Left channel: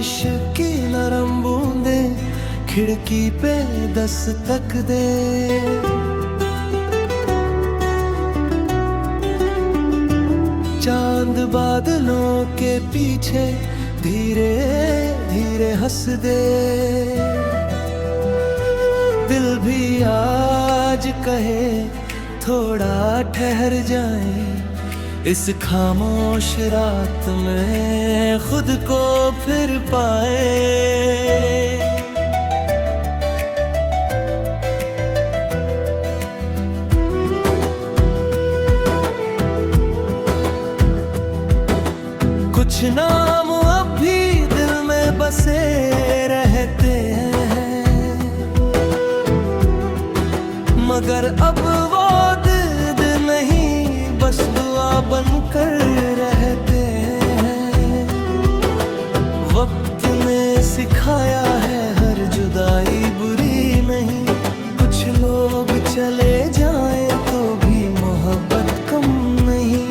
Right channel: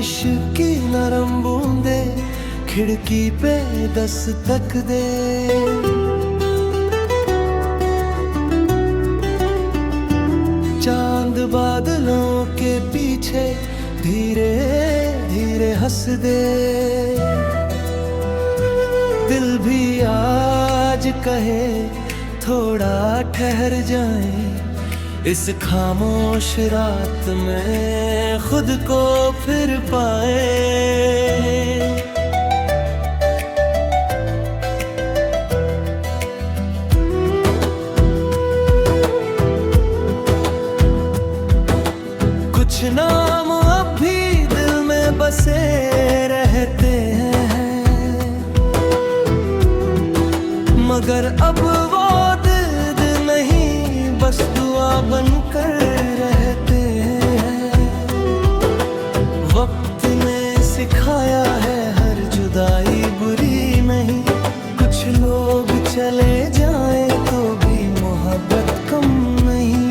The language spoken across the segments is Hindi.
बारिश की नरम बूंदे खिड़की पे दस्तक दे। चांद बादलों के पीछे धीरे धीरे हंस दे। दिल भी आज कहे थोड़ा ठहर जाए, इस खामोश रात में खुद को फिर पाए। कुछ नाम अब भी दिल में बसे रहते हैं, मगर अब वो दर्द नहीं बस दुआ बनकर रहते हैं। वक्त ने सिखाया है हर जुदाई बुरी नहीं, कुछ लोग चले जाए तो भी मोहब्बत कम नहीं।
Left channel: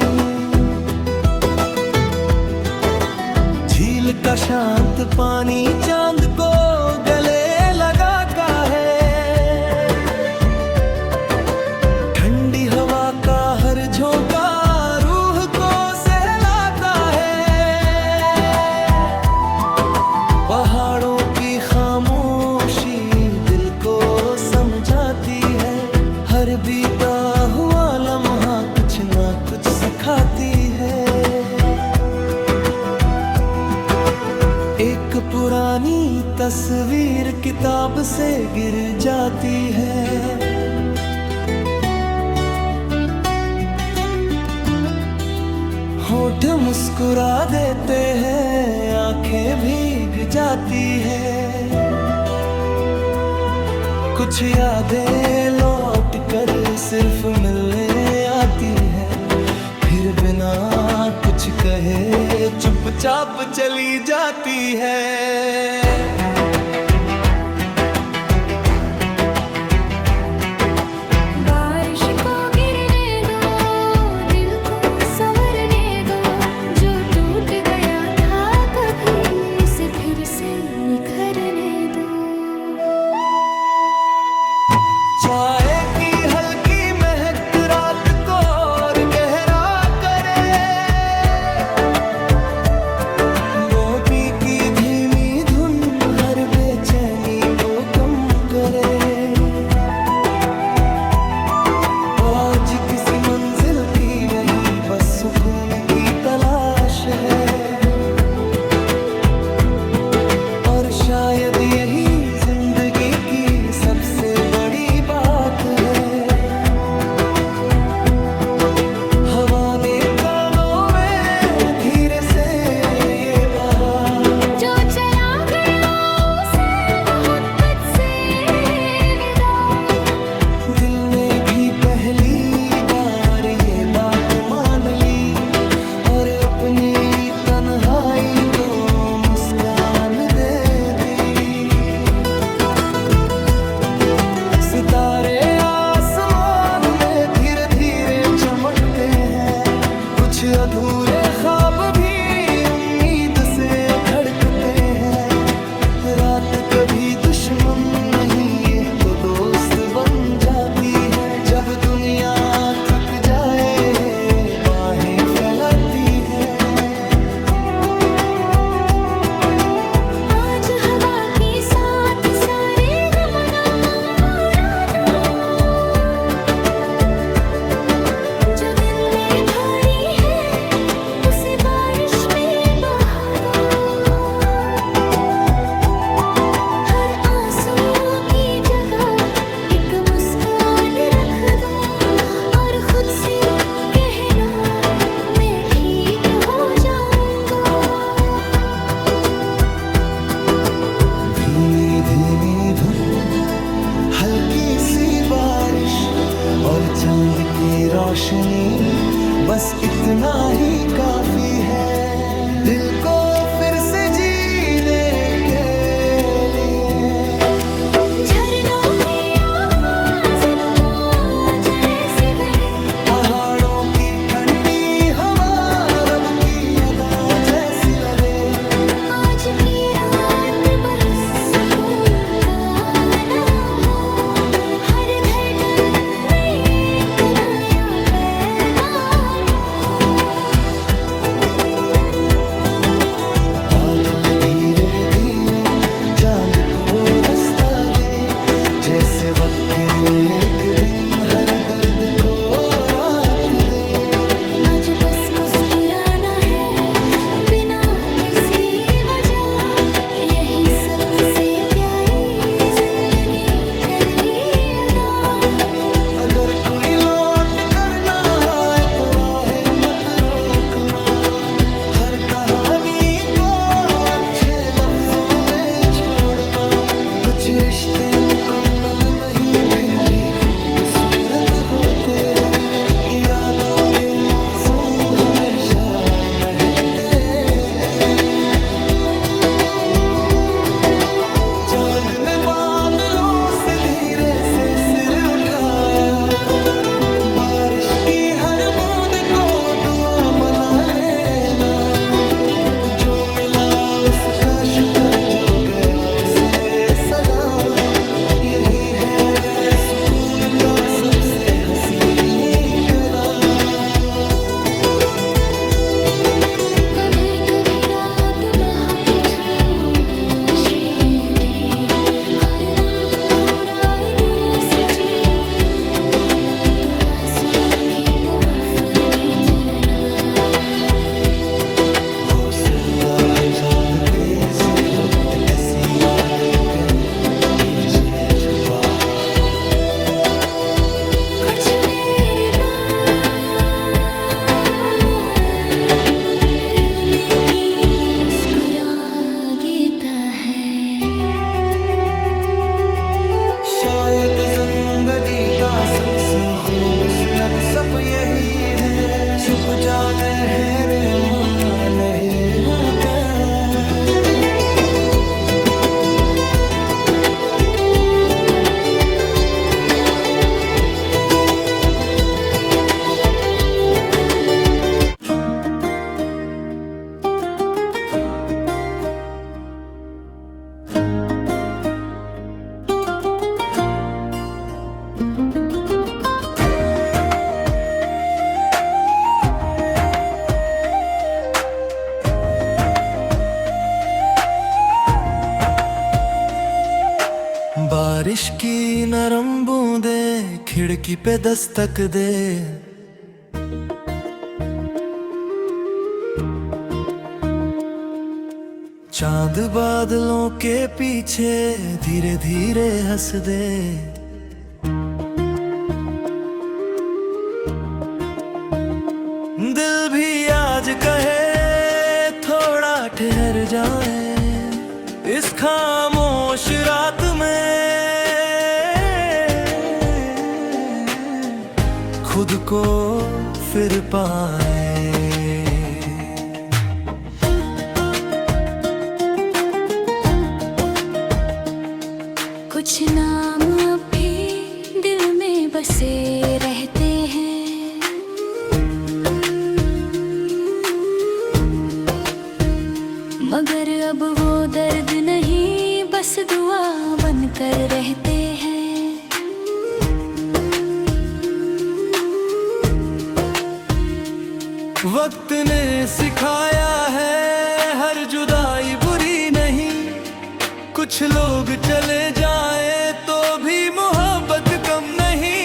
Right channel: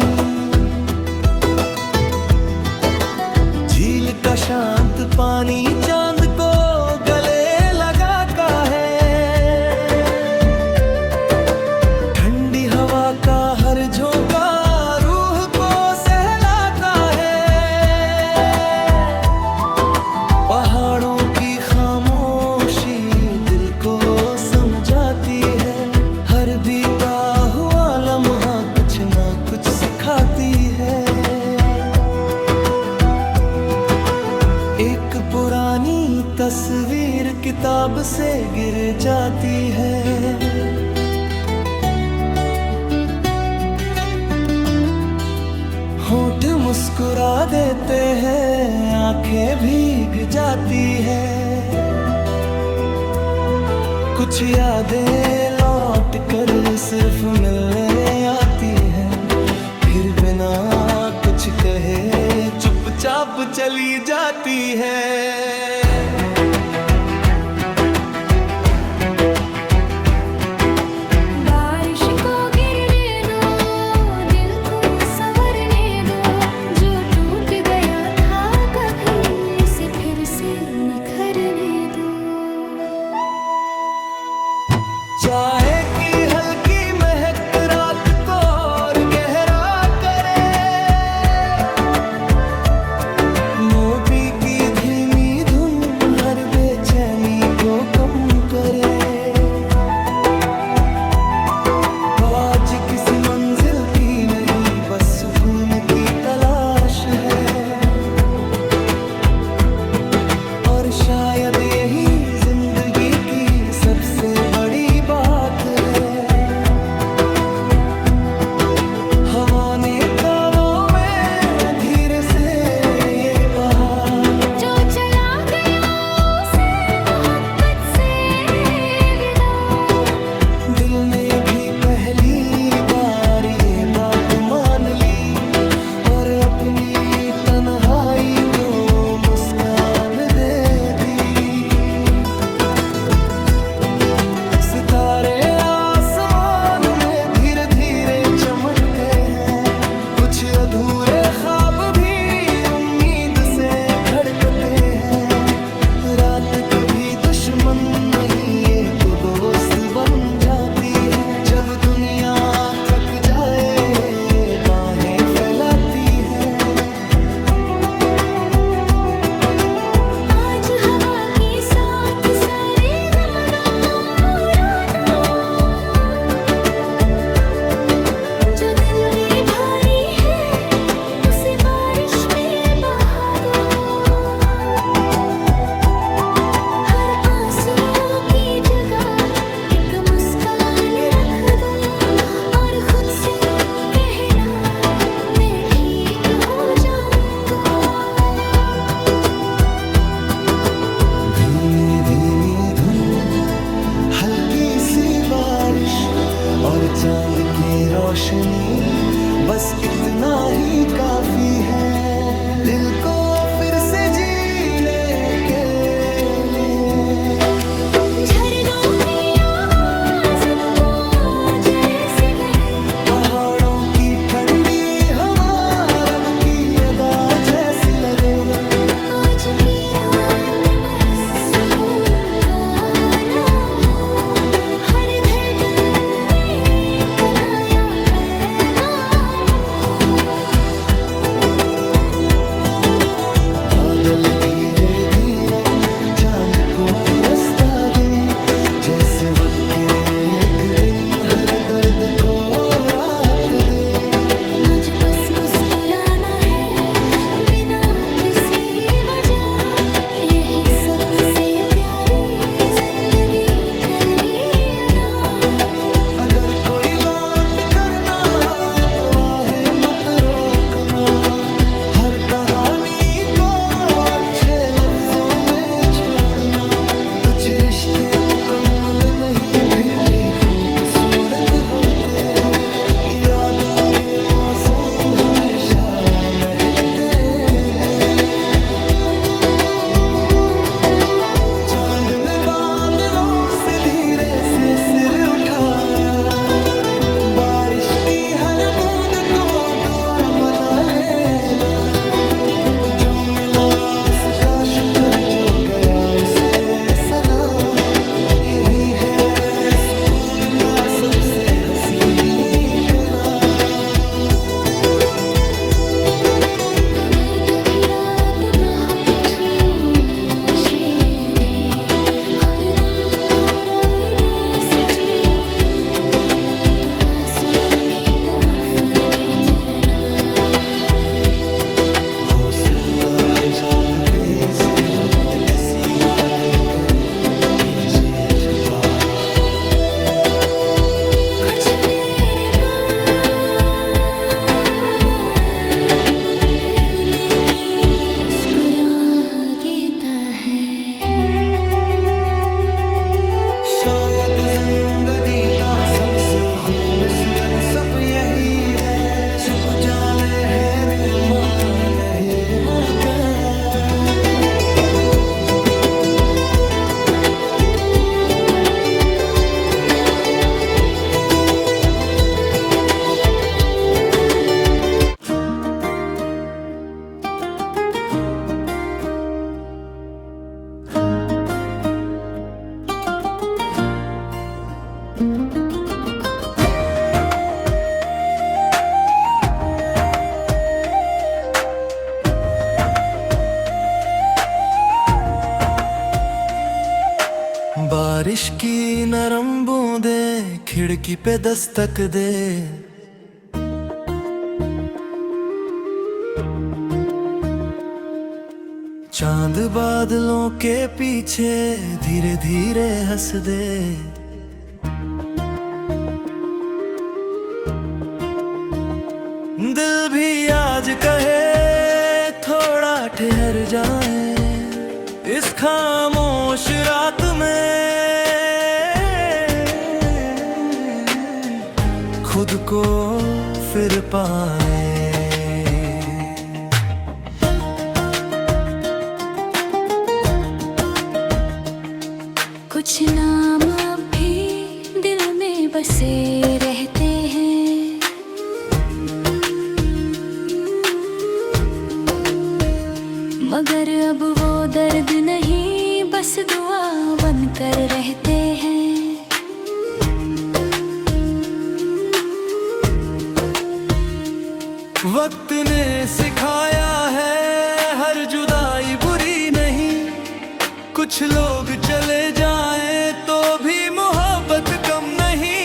झील का शांत पानी चांद को गले लगा का है, ठंडी हवा का हर झोंका रूह को सहलाता है। पहाड़ों की खामोशी दिल को समझाती है, हर बीता हुआ लम्हा कुछ ना कुछ सिखाती है। एक पुरानी तस्वीर किताब से गिर जाती है, होठ मुस्कुरा देते हैं, आंखें भीग जाती है। कुछ यादें लौट कर सिर्फ मिलने आती है, फिर बिना कुछ कहे चुपचाप चली जाती है। बारिश को गिरने दो, दिल को संवरने दो, जो टूट गया था कभी उसे फिर से निखरने दो। चाय की हल्की महक रात को और गहरा करे, मोती की धीमी धुन हर बेचैनी को कम करे। आज किसी मंजिल की नहीं बस सुकून की तलाश है, और शायद यही जिंदगी की सबसे बड़ी बात है। हवा ने कानों में धीरे से ये कहा, जो चला गया उसे मोहब्बत से विदा। दिल ने भी पहली बार ये बात मान ली, और अपनी तन्हाई को मुस्कान दे दी। सितारे आसमान में धीरे धीरे चमकते हैं, कुछ अधूरे ख्वाब भी उम्मीद से धड़कते हैं। रात कभी दुश्मन नहीं ये तो दोस्त बन जाती है, जब दुनिया थक जाए बाहें फैलाती है। आज हवा के साथ सारे गम उड़ा दो, जो दिल में भारी है उसे बारिश में बहा दो। हर आंसू की जगह एक मुस्कान रख दो, और खुद से कहना मैं ठीक हो जाऊंगा। धीमी धीमी धुन हल्की सी बारिश और चांद की रोशनी, बस इतना ही काफी है दिल को फिर से जीने के लिए। झरनों की आवाज तो जैसी बहे, पहाड़ों की ठंडी हवा रब की अदा जैसी लगे। आज की रात बादल धीरे धीरे चांद को रास्ता दे, जैसे वक्त के एक दिन हर दर्द को राहत दे। आज बस मुस्कुराना है बिना किसी वजह, यही सबसे प्यारी जिंदगी तेरी अदा। अगर कोई लौट करना आए तो राहें मत रोकना, हर कहानी को अच्छे लफ्जों में छोड़ना। कुछ रिश्ते मुकम्मल नहीं फिर भी खूबसूरत होते हैं, यादों के मौसम हमेशा महकते हैं। चांद ने बादलों से धीरे से सिर उठाया, बारिश की हर बूंद को दुआ बना लेना। जो मिला उसका शुक्र, जो गया उसे सलाम। यही है सुकून का सबसे हसीन करार। अगर कभी रात बहुत जोशी हर दम थोड़ा देर से तो आंसू की तवफ़्फ़ुर भी तेरा। हो सकता है चांद फिर से वक्त किसी बादल के पीछे छुपा। कुछ मेरे रुलने की मुस्कुरा देता है। शायद जिंदगी का सबसे खूबसूरत सप यही है, छुप जाने है रे मां नहीं होता। बारिश की नरम बूंदे खिड़की पे दस्तक दे, चांद बादलों के पीछे धीरे धीरे हंस दे। दिल भी आज कहे थोड़ा ठहर जाए, इस खामोश रात में खुद को फिर पाए। कुछ नाम अब भी दिल में बसे रहते हैं, मगर अब वो दर्द नहीं बस दुआ बनकर रहते हैं। वक्त ने सिखाया है हर जुदाई बुरी नहीं, कुछ लोग चले जाएं तो भी मोहब्बत कम नहीं।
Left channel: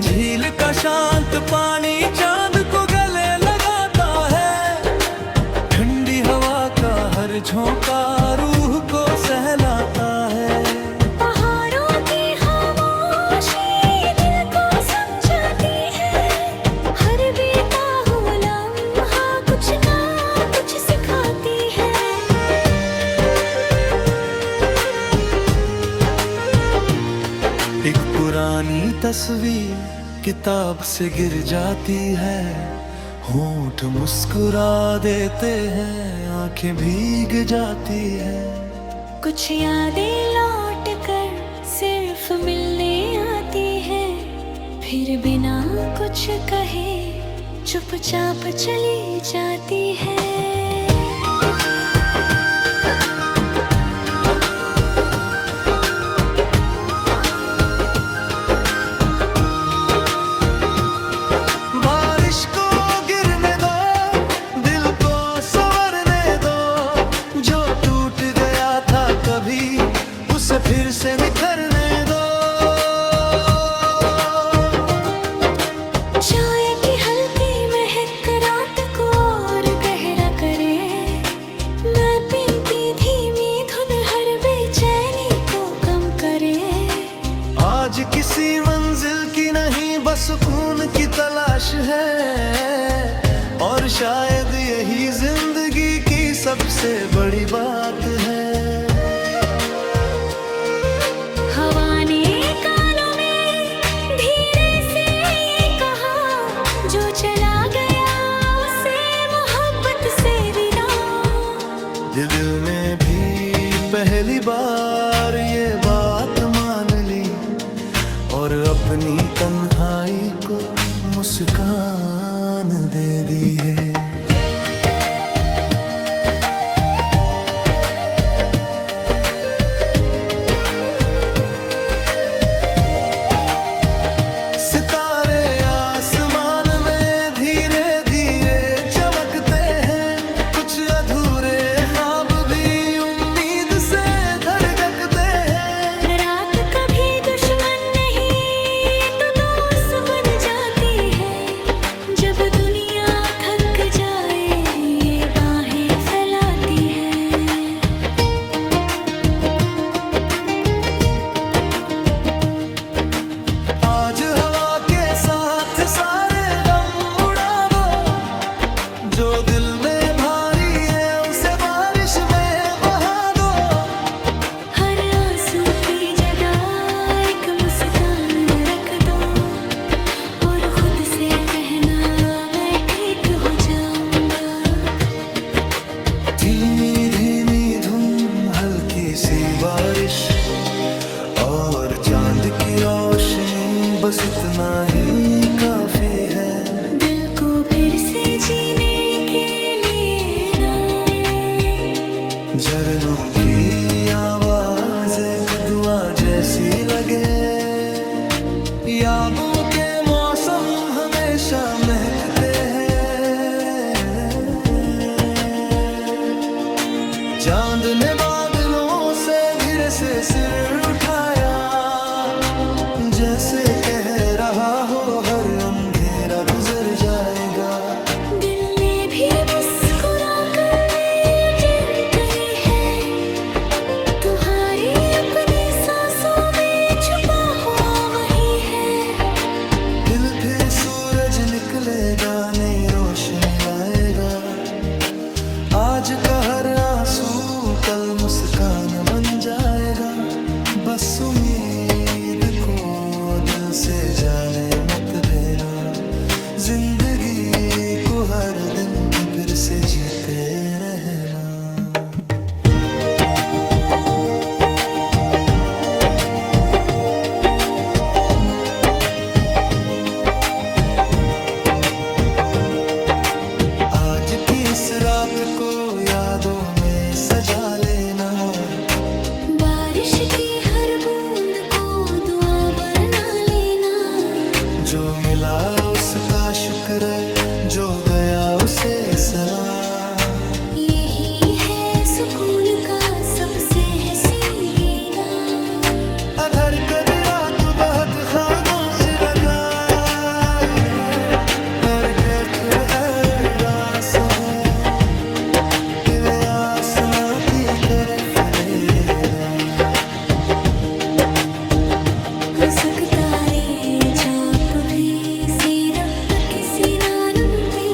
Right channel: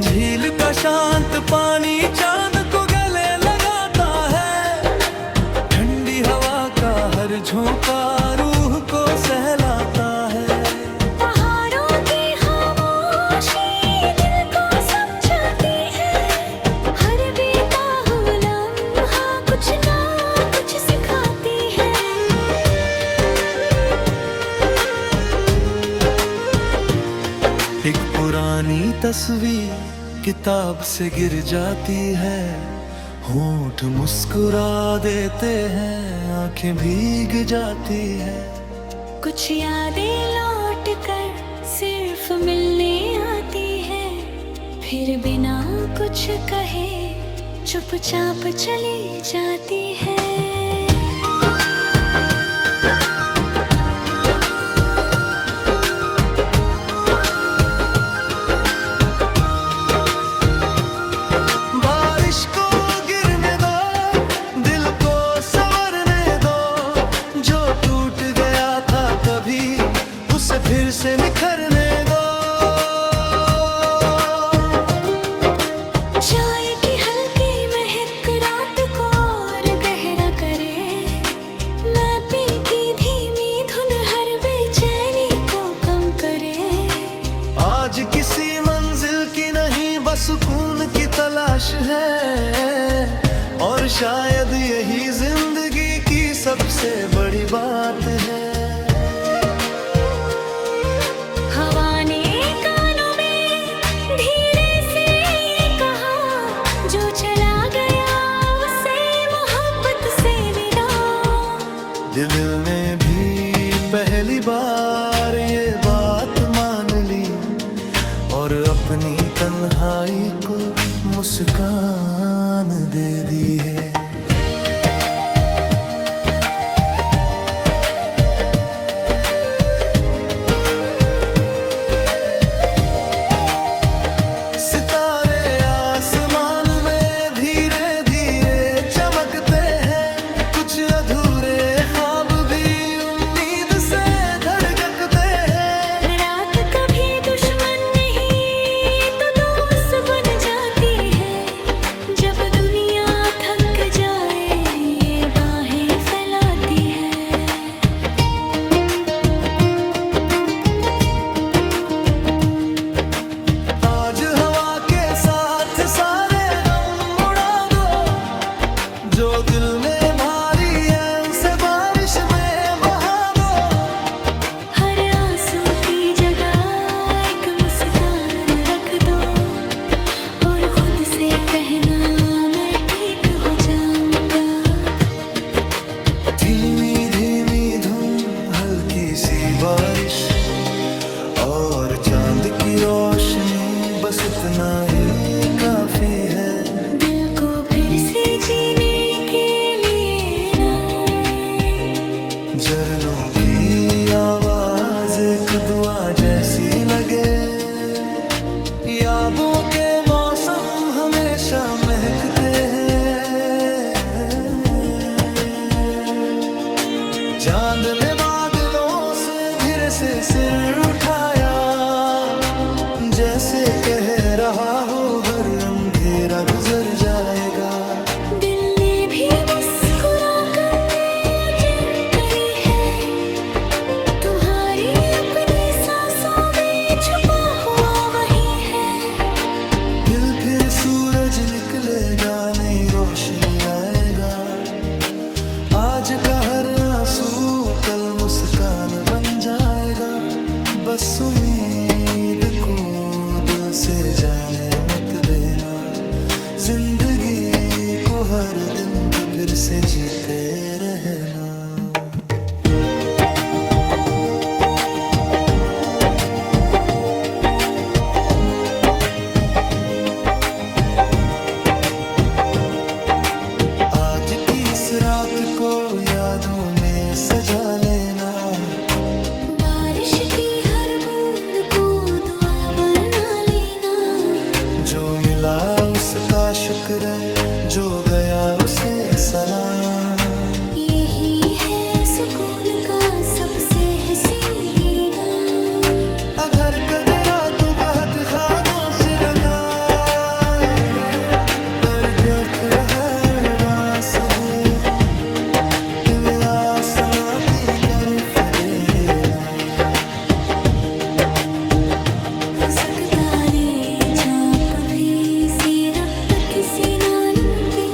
झील का शांत पानी चांद को गले लगाता है, ठंडी हवा का हर झोंका रूह को सहलाता है। पहाड़ों की खामोशी दिल को समझाती है, हर बीता हुआ लम्हा कुछ ना कुछ सिखाती है। एक पुरानी तस्वीर किताब से गिर जाती है, होंठ मुस्कुरा देते हैं आंखें भीग जाती है। कुछ यादें लौट कर सिर्फ मिलने आती है, फिर बिना कुछ कहे चुपचाप चली जाती है। फिर से निखरने दो। चाय की हल्की महक रात को और गहरा करे, मैपी की धीमी धुन हर बेचैनी को कम करे। आज किसी मंजिल की नहीं बस सुकून की तलाश है, और शायद यही जिंदगी की सबसे बड़ी बात है। हवा ने कानों में धीरे से ये कहा, जो चला गया उसे मोहब्बत से विदा। दिल ने भी पहली बार ये बात मान ली, और अपनी तन्हाई को मुस्कान दे दी है। सितारे आसमान में धीरे धीरे चमकते हैं, कुछ अधूरे ख्वाब भी उम्मीद से धड़कते हैं। रात कभी दुश्मन नहीं ये तो दोस्त बन जाती है, जब दुनिया थक जाए ये बाहें फैलाती है। आज हवा के साथ सारे गम उड़ा दो, जो दिल में भारी है उसे बारिश में बहा दो। हर आंसू की जगह एक मुस्कान रख दो, और खुद से कहना मैं ठीक हो जाऊंगा। धीमी धीमी धुन हल्की सी बारिश और चांद की रोशनी, बस इतना ही काफी है। दिल को फिर से जीने के लिए ना, झरनों की आवाज एक दुआ जैसी लगे। यादों के मौसम हमेशा महकते हैं। चांद ने बादलों से धीरे से सिर उठाया, जैसे कह रहा हो हर अंधेरा गुजर जाएगा। दिल ने भी मुस्कुरा कर यकीन करी है, तुम्हारी अपनी सांसों में छुपा हुआ वही है। फिर सूरज निकलेगा, नई रोशनी लाएगा। आज का हर आंसू कल मुस्कान बन जाएगा। बस उम्मीद को दिल से जाने मत देना, जिंदगी को हर दिन तो फिर से जीते रहना। आज की इस रात को यादों में सजा लेना, बारिश की हर बूंद को दुआ बना लेना। जो मिला उसका शुक्र है, जो गया उसे सलाम। यही है सुकून का सबसे हसीन पैगाम। अधर कदरा तो बहुत खामोश लगा, दरकत है रास हो, तेरे आसमां की तरफ देना। सकता रे चाप भी सी रक्त किसी नानम के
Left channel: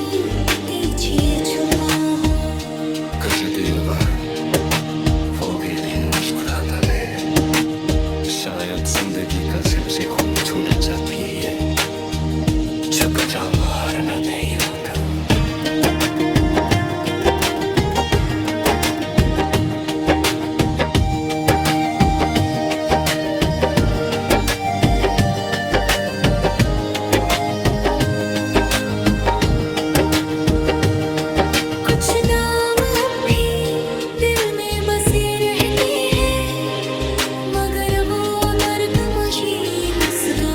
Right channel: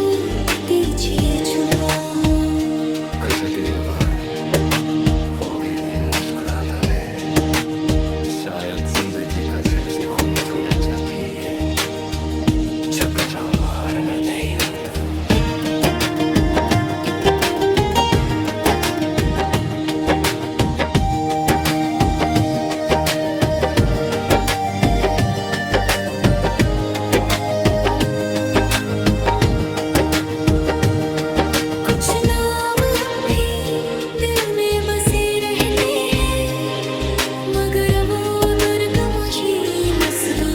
पीछे छुपा हो। गजबीर बार वो भी दिन मुस्कुराता है, शायद जिंदगी का सबसे खूबसूरत भी है। झुक जा मारना नहीं होता। कुछ नाम अब भी दिल में बसे रहते हैं, मगर वो दर्द मशीन दो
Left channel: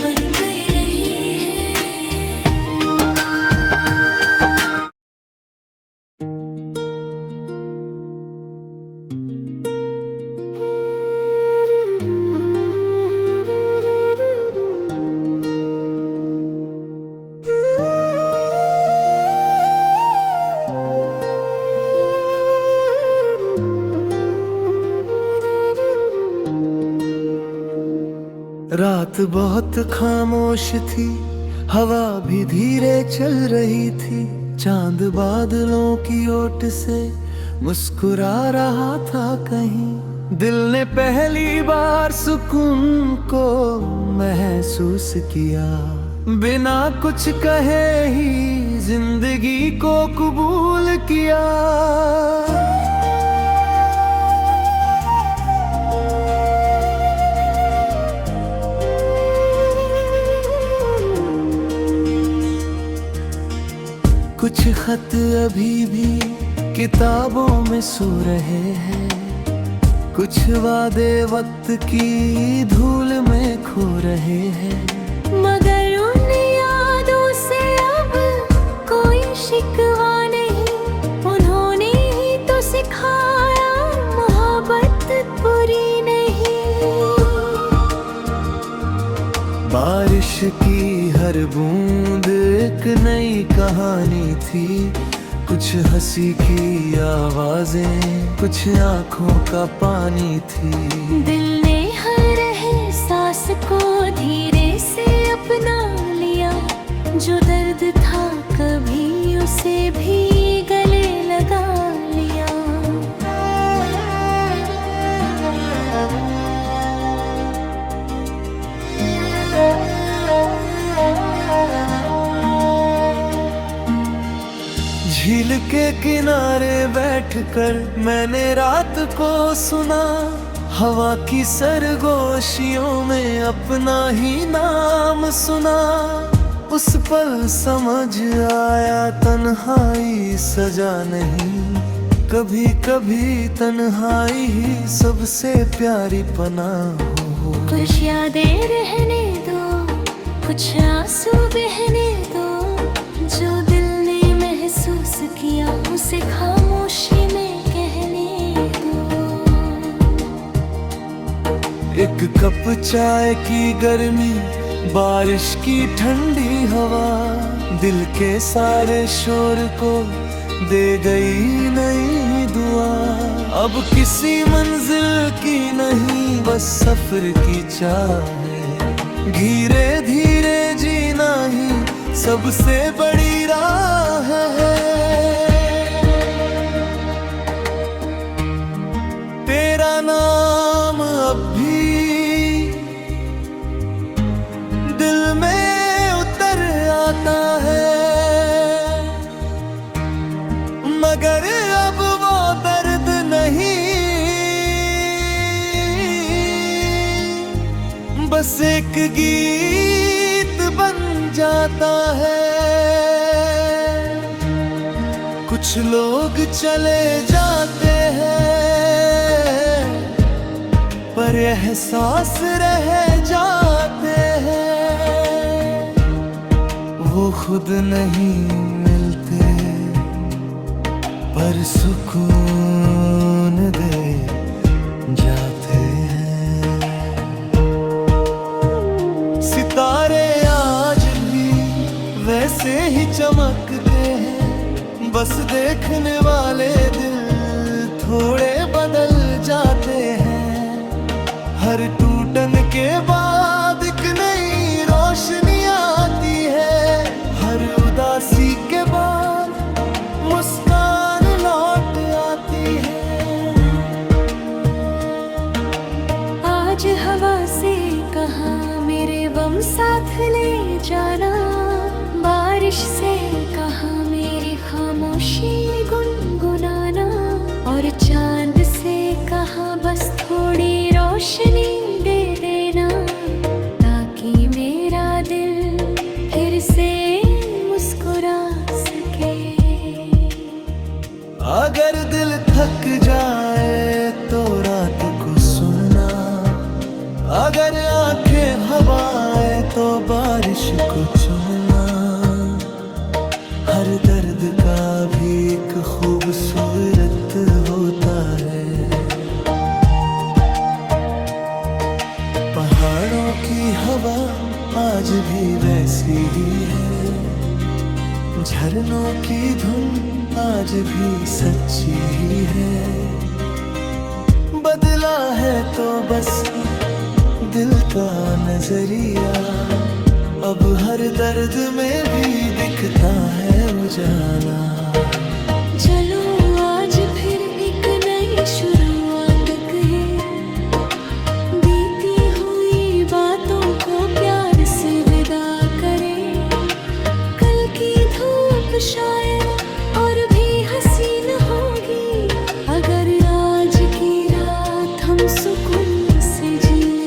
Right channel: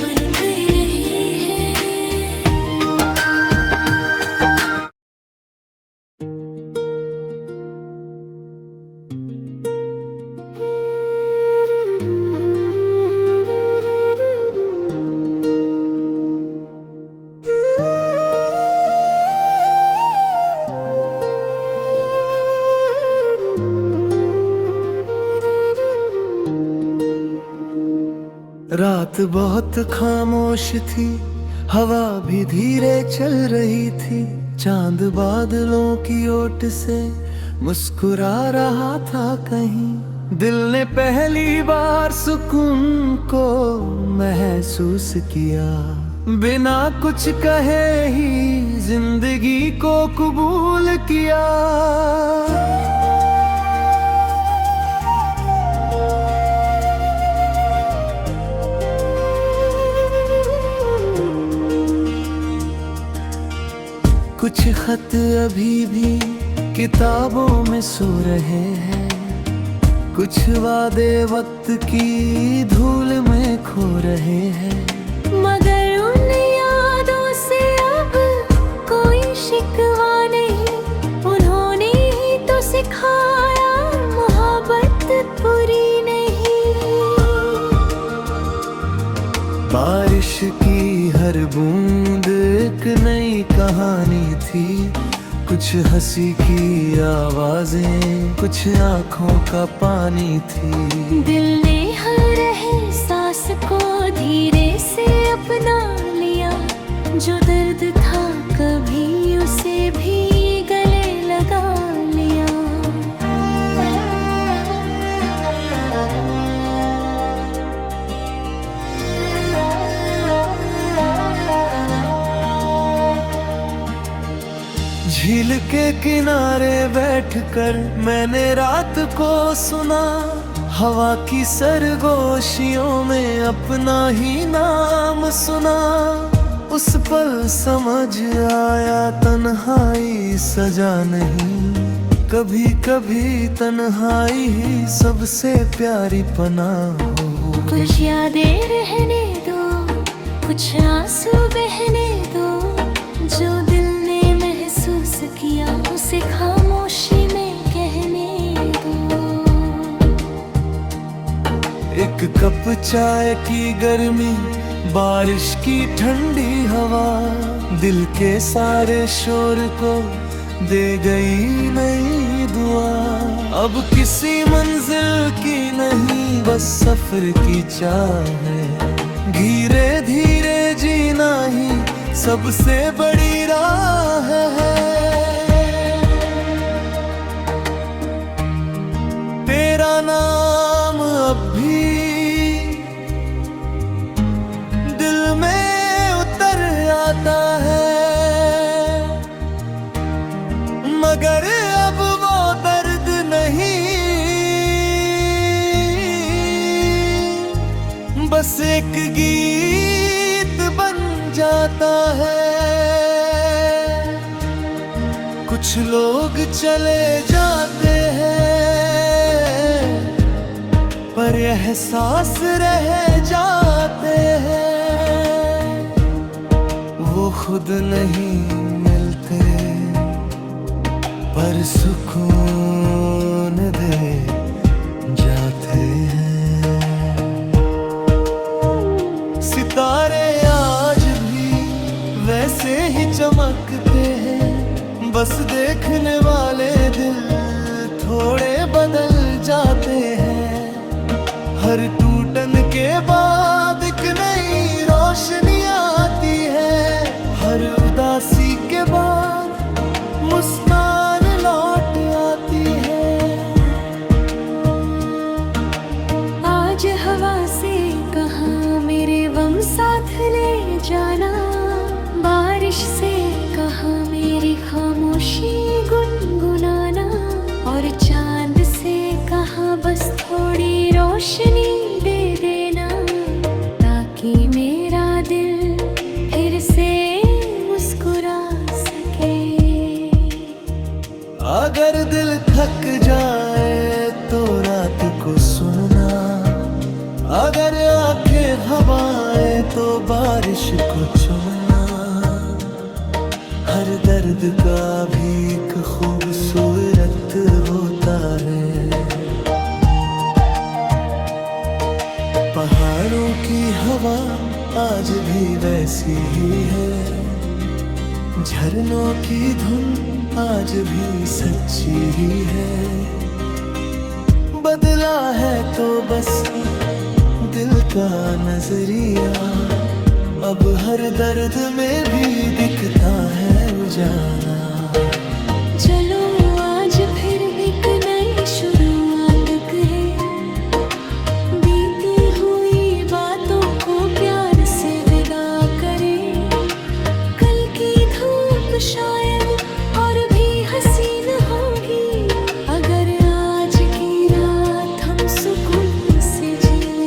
बन कर रही है। रात बहुत खामोश थी, हवा भी धीरे चल रही थी। चांद बादलों की ओट से मुस्कुरा रहा था कहीं। दिल ने पहली बार सुकून को महसूस किया, बिना कुछ कहे ही जिंदगी को कबूल किया। कुछ खत अभी भी किताबों में सो रहे हैं, कुछ वादे वक्त की धूल में खो रहे हैं। मगर उन यादों से अब कोई शिकवा नहीं, उन्होंने ही तो सिखाया मोहब्बत बुरी नहीं। बारिश की हर बूंद एक नई कहानी थी, कुछ हंसी की आवाजें, कुछ आंखों का पानी थी। दिल ने हर एहसास को धीरे से अपना लिया, जो दर्द था कभी उसे भी गले लगा लिया। झील के किनारे बैठकर मैंने रात को सुना, हवा की सरगोशियों में अपना ही नाम सुना। उस पल समझ आया तन्हाई सजा नहीं, कभी कभी तन्हाई ही सबसे प्यारी पनाह हो। कुछ यादें रहने दो, कुछ आंसू बहने दो, जो दिल ने महसूस किया उसे खामोशी में कहने दो। एक कप चाय की गर्मी, बारिश की ठंडी हवा, दिल के सारे शोर को दे गई नई दुआ। अब किसी मंजिल की नहीं, बस सफर की चाह है। धीरे धीरे जीना ही सबसे बड़ी राह है। तेरा नाम अब भी दिल में उतर आता है, मगर अब वो दर्द नहीं, बस एक गीत बन जाता है। कुछ लोग चले जाते हैं, पर एहसास रह जाते हैं। वो खुद नहीं मिलते, पर सुकून दे जाते हैं। सितारे आज भी वैसे ही चमकते हैं, बस देखने वाले दिल थोड़े बदल जाते हैं। हर टूटन के बाद एक नई रोशनी आती है, हर उदासी के बाद मुस्कान लौट आती है। आज हवा से कहा मेरे गम साथ ले जाना, बारिश से कहा मेरी खामोशी गुनगुनाना, और चांद से कहा बस थोड़ी रोशनी दे देना, ताकि मेरा दिल फिर से मुस्कुरा सके। अगर दिल थक जाए तो रात को सुनना, अगर आंखें हवाएं तो बारिश को चुनना। हर दर्द का भी एक खूबसूरत होता है। पहाड़ों की हवा आज भी वैसी ही है, झरनों की धुन आज भी सच्ची ही है। बदला है तो बस दिल का नजरिया, अब हर दर्द में भी दिखता है उजाला। चलो आज फिर एक नई शुरुआत है, बीती हुई बातों को प्यार से विदा करें। कल की धूप शायद और भी हसीन होगी, अगर आज की रात हम सुकून से जी लें।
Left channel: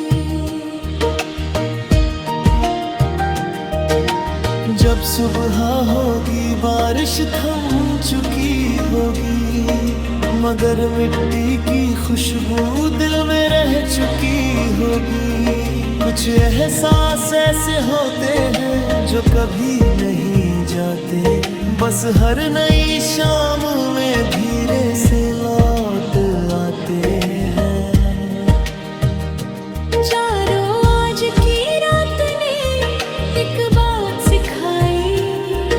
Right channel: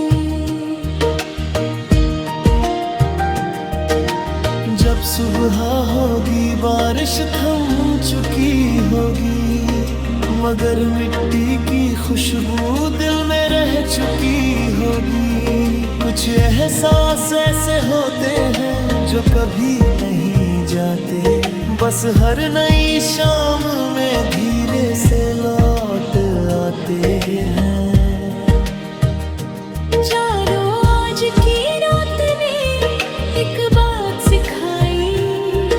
जब सुबह होगी बारिश थम चुकी होगी, मगर मिट्टी की खुशबू दिल में रह चुकी होगी। कुछ एहसास ऐसे होते हैं जो कभी नहीं जाते, बस हर नई शाम में धीरे से लौट आते हैं। चारों आज की रात ने एक बात सिखाई,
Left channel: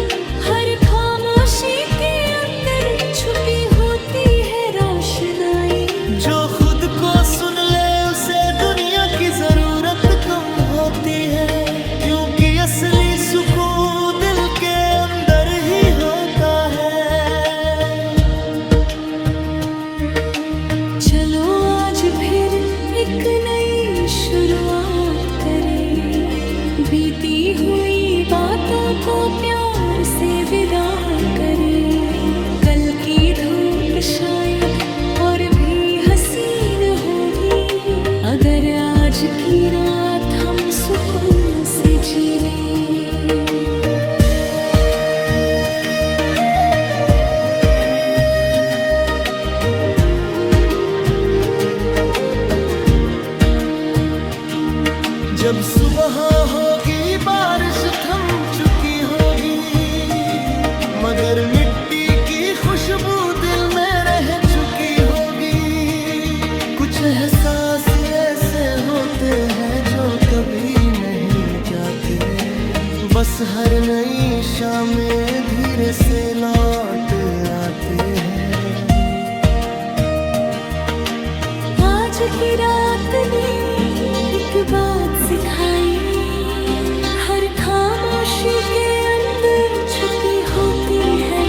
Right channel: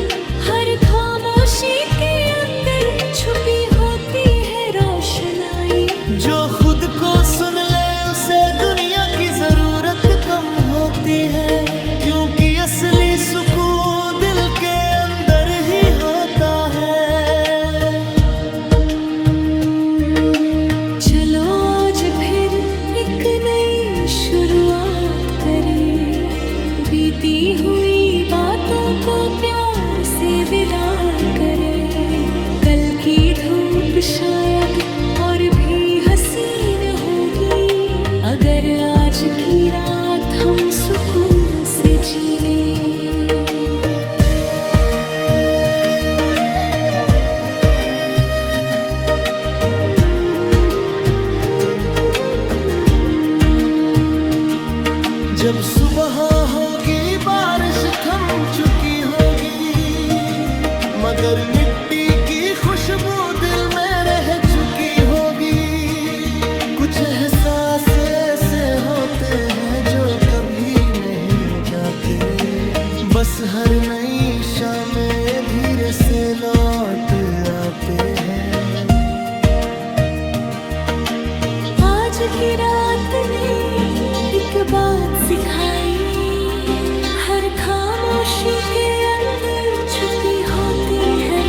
हर खामोशी के अंदर छुपी होती है रोशनाई। जो खुद को सुन ले उसे दुनिया की जरूरत कम होती है, क्योंकि असली सुकून दिल के अंदर ही होता है। चलो आज फिर एक नई शुरुआत करें, बीती हुई बातों को प्यार से विदा करें। कल की धूप शायद और भी हसीन होगी, अगर आज की रात हम सुकून से जी लें। जब सुबह होगी बारिश थम चुकी होगी, मगर मिट्टी की खुशबू दिल में रह चुकी होगी। कुछ एहसास ऐसे होते हैं जो कभी नहीं जाते, बस हर नई शामें धीरे से लौट आते हैं। आज की रात ने एक बात सिखाई, हर खामोशी के अंदर छुपी होती है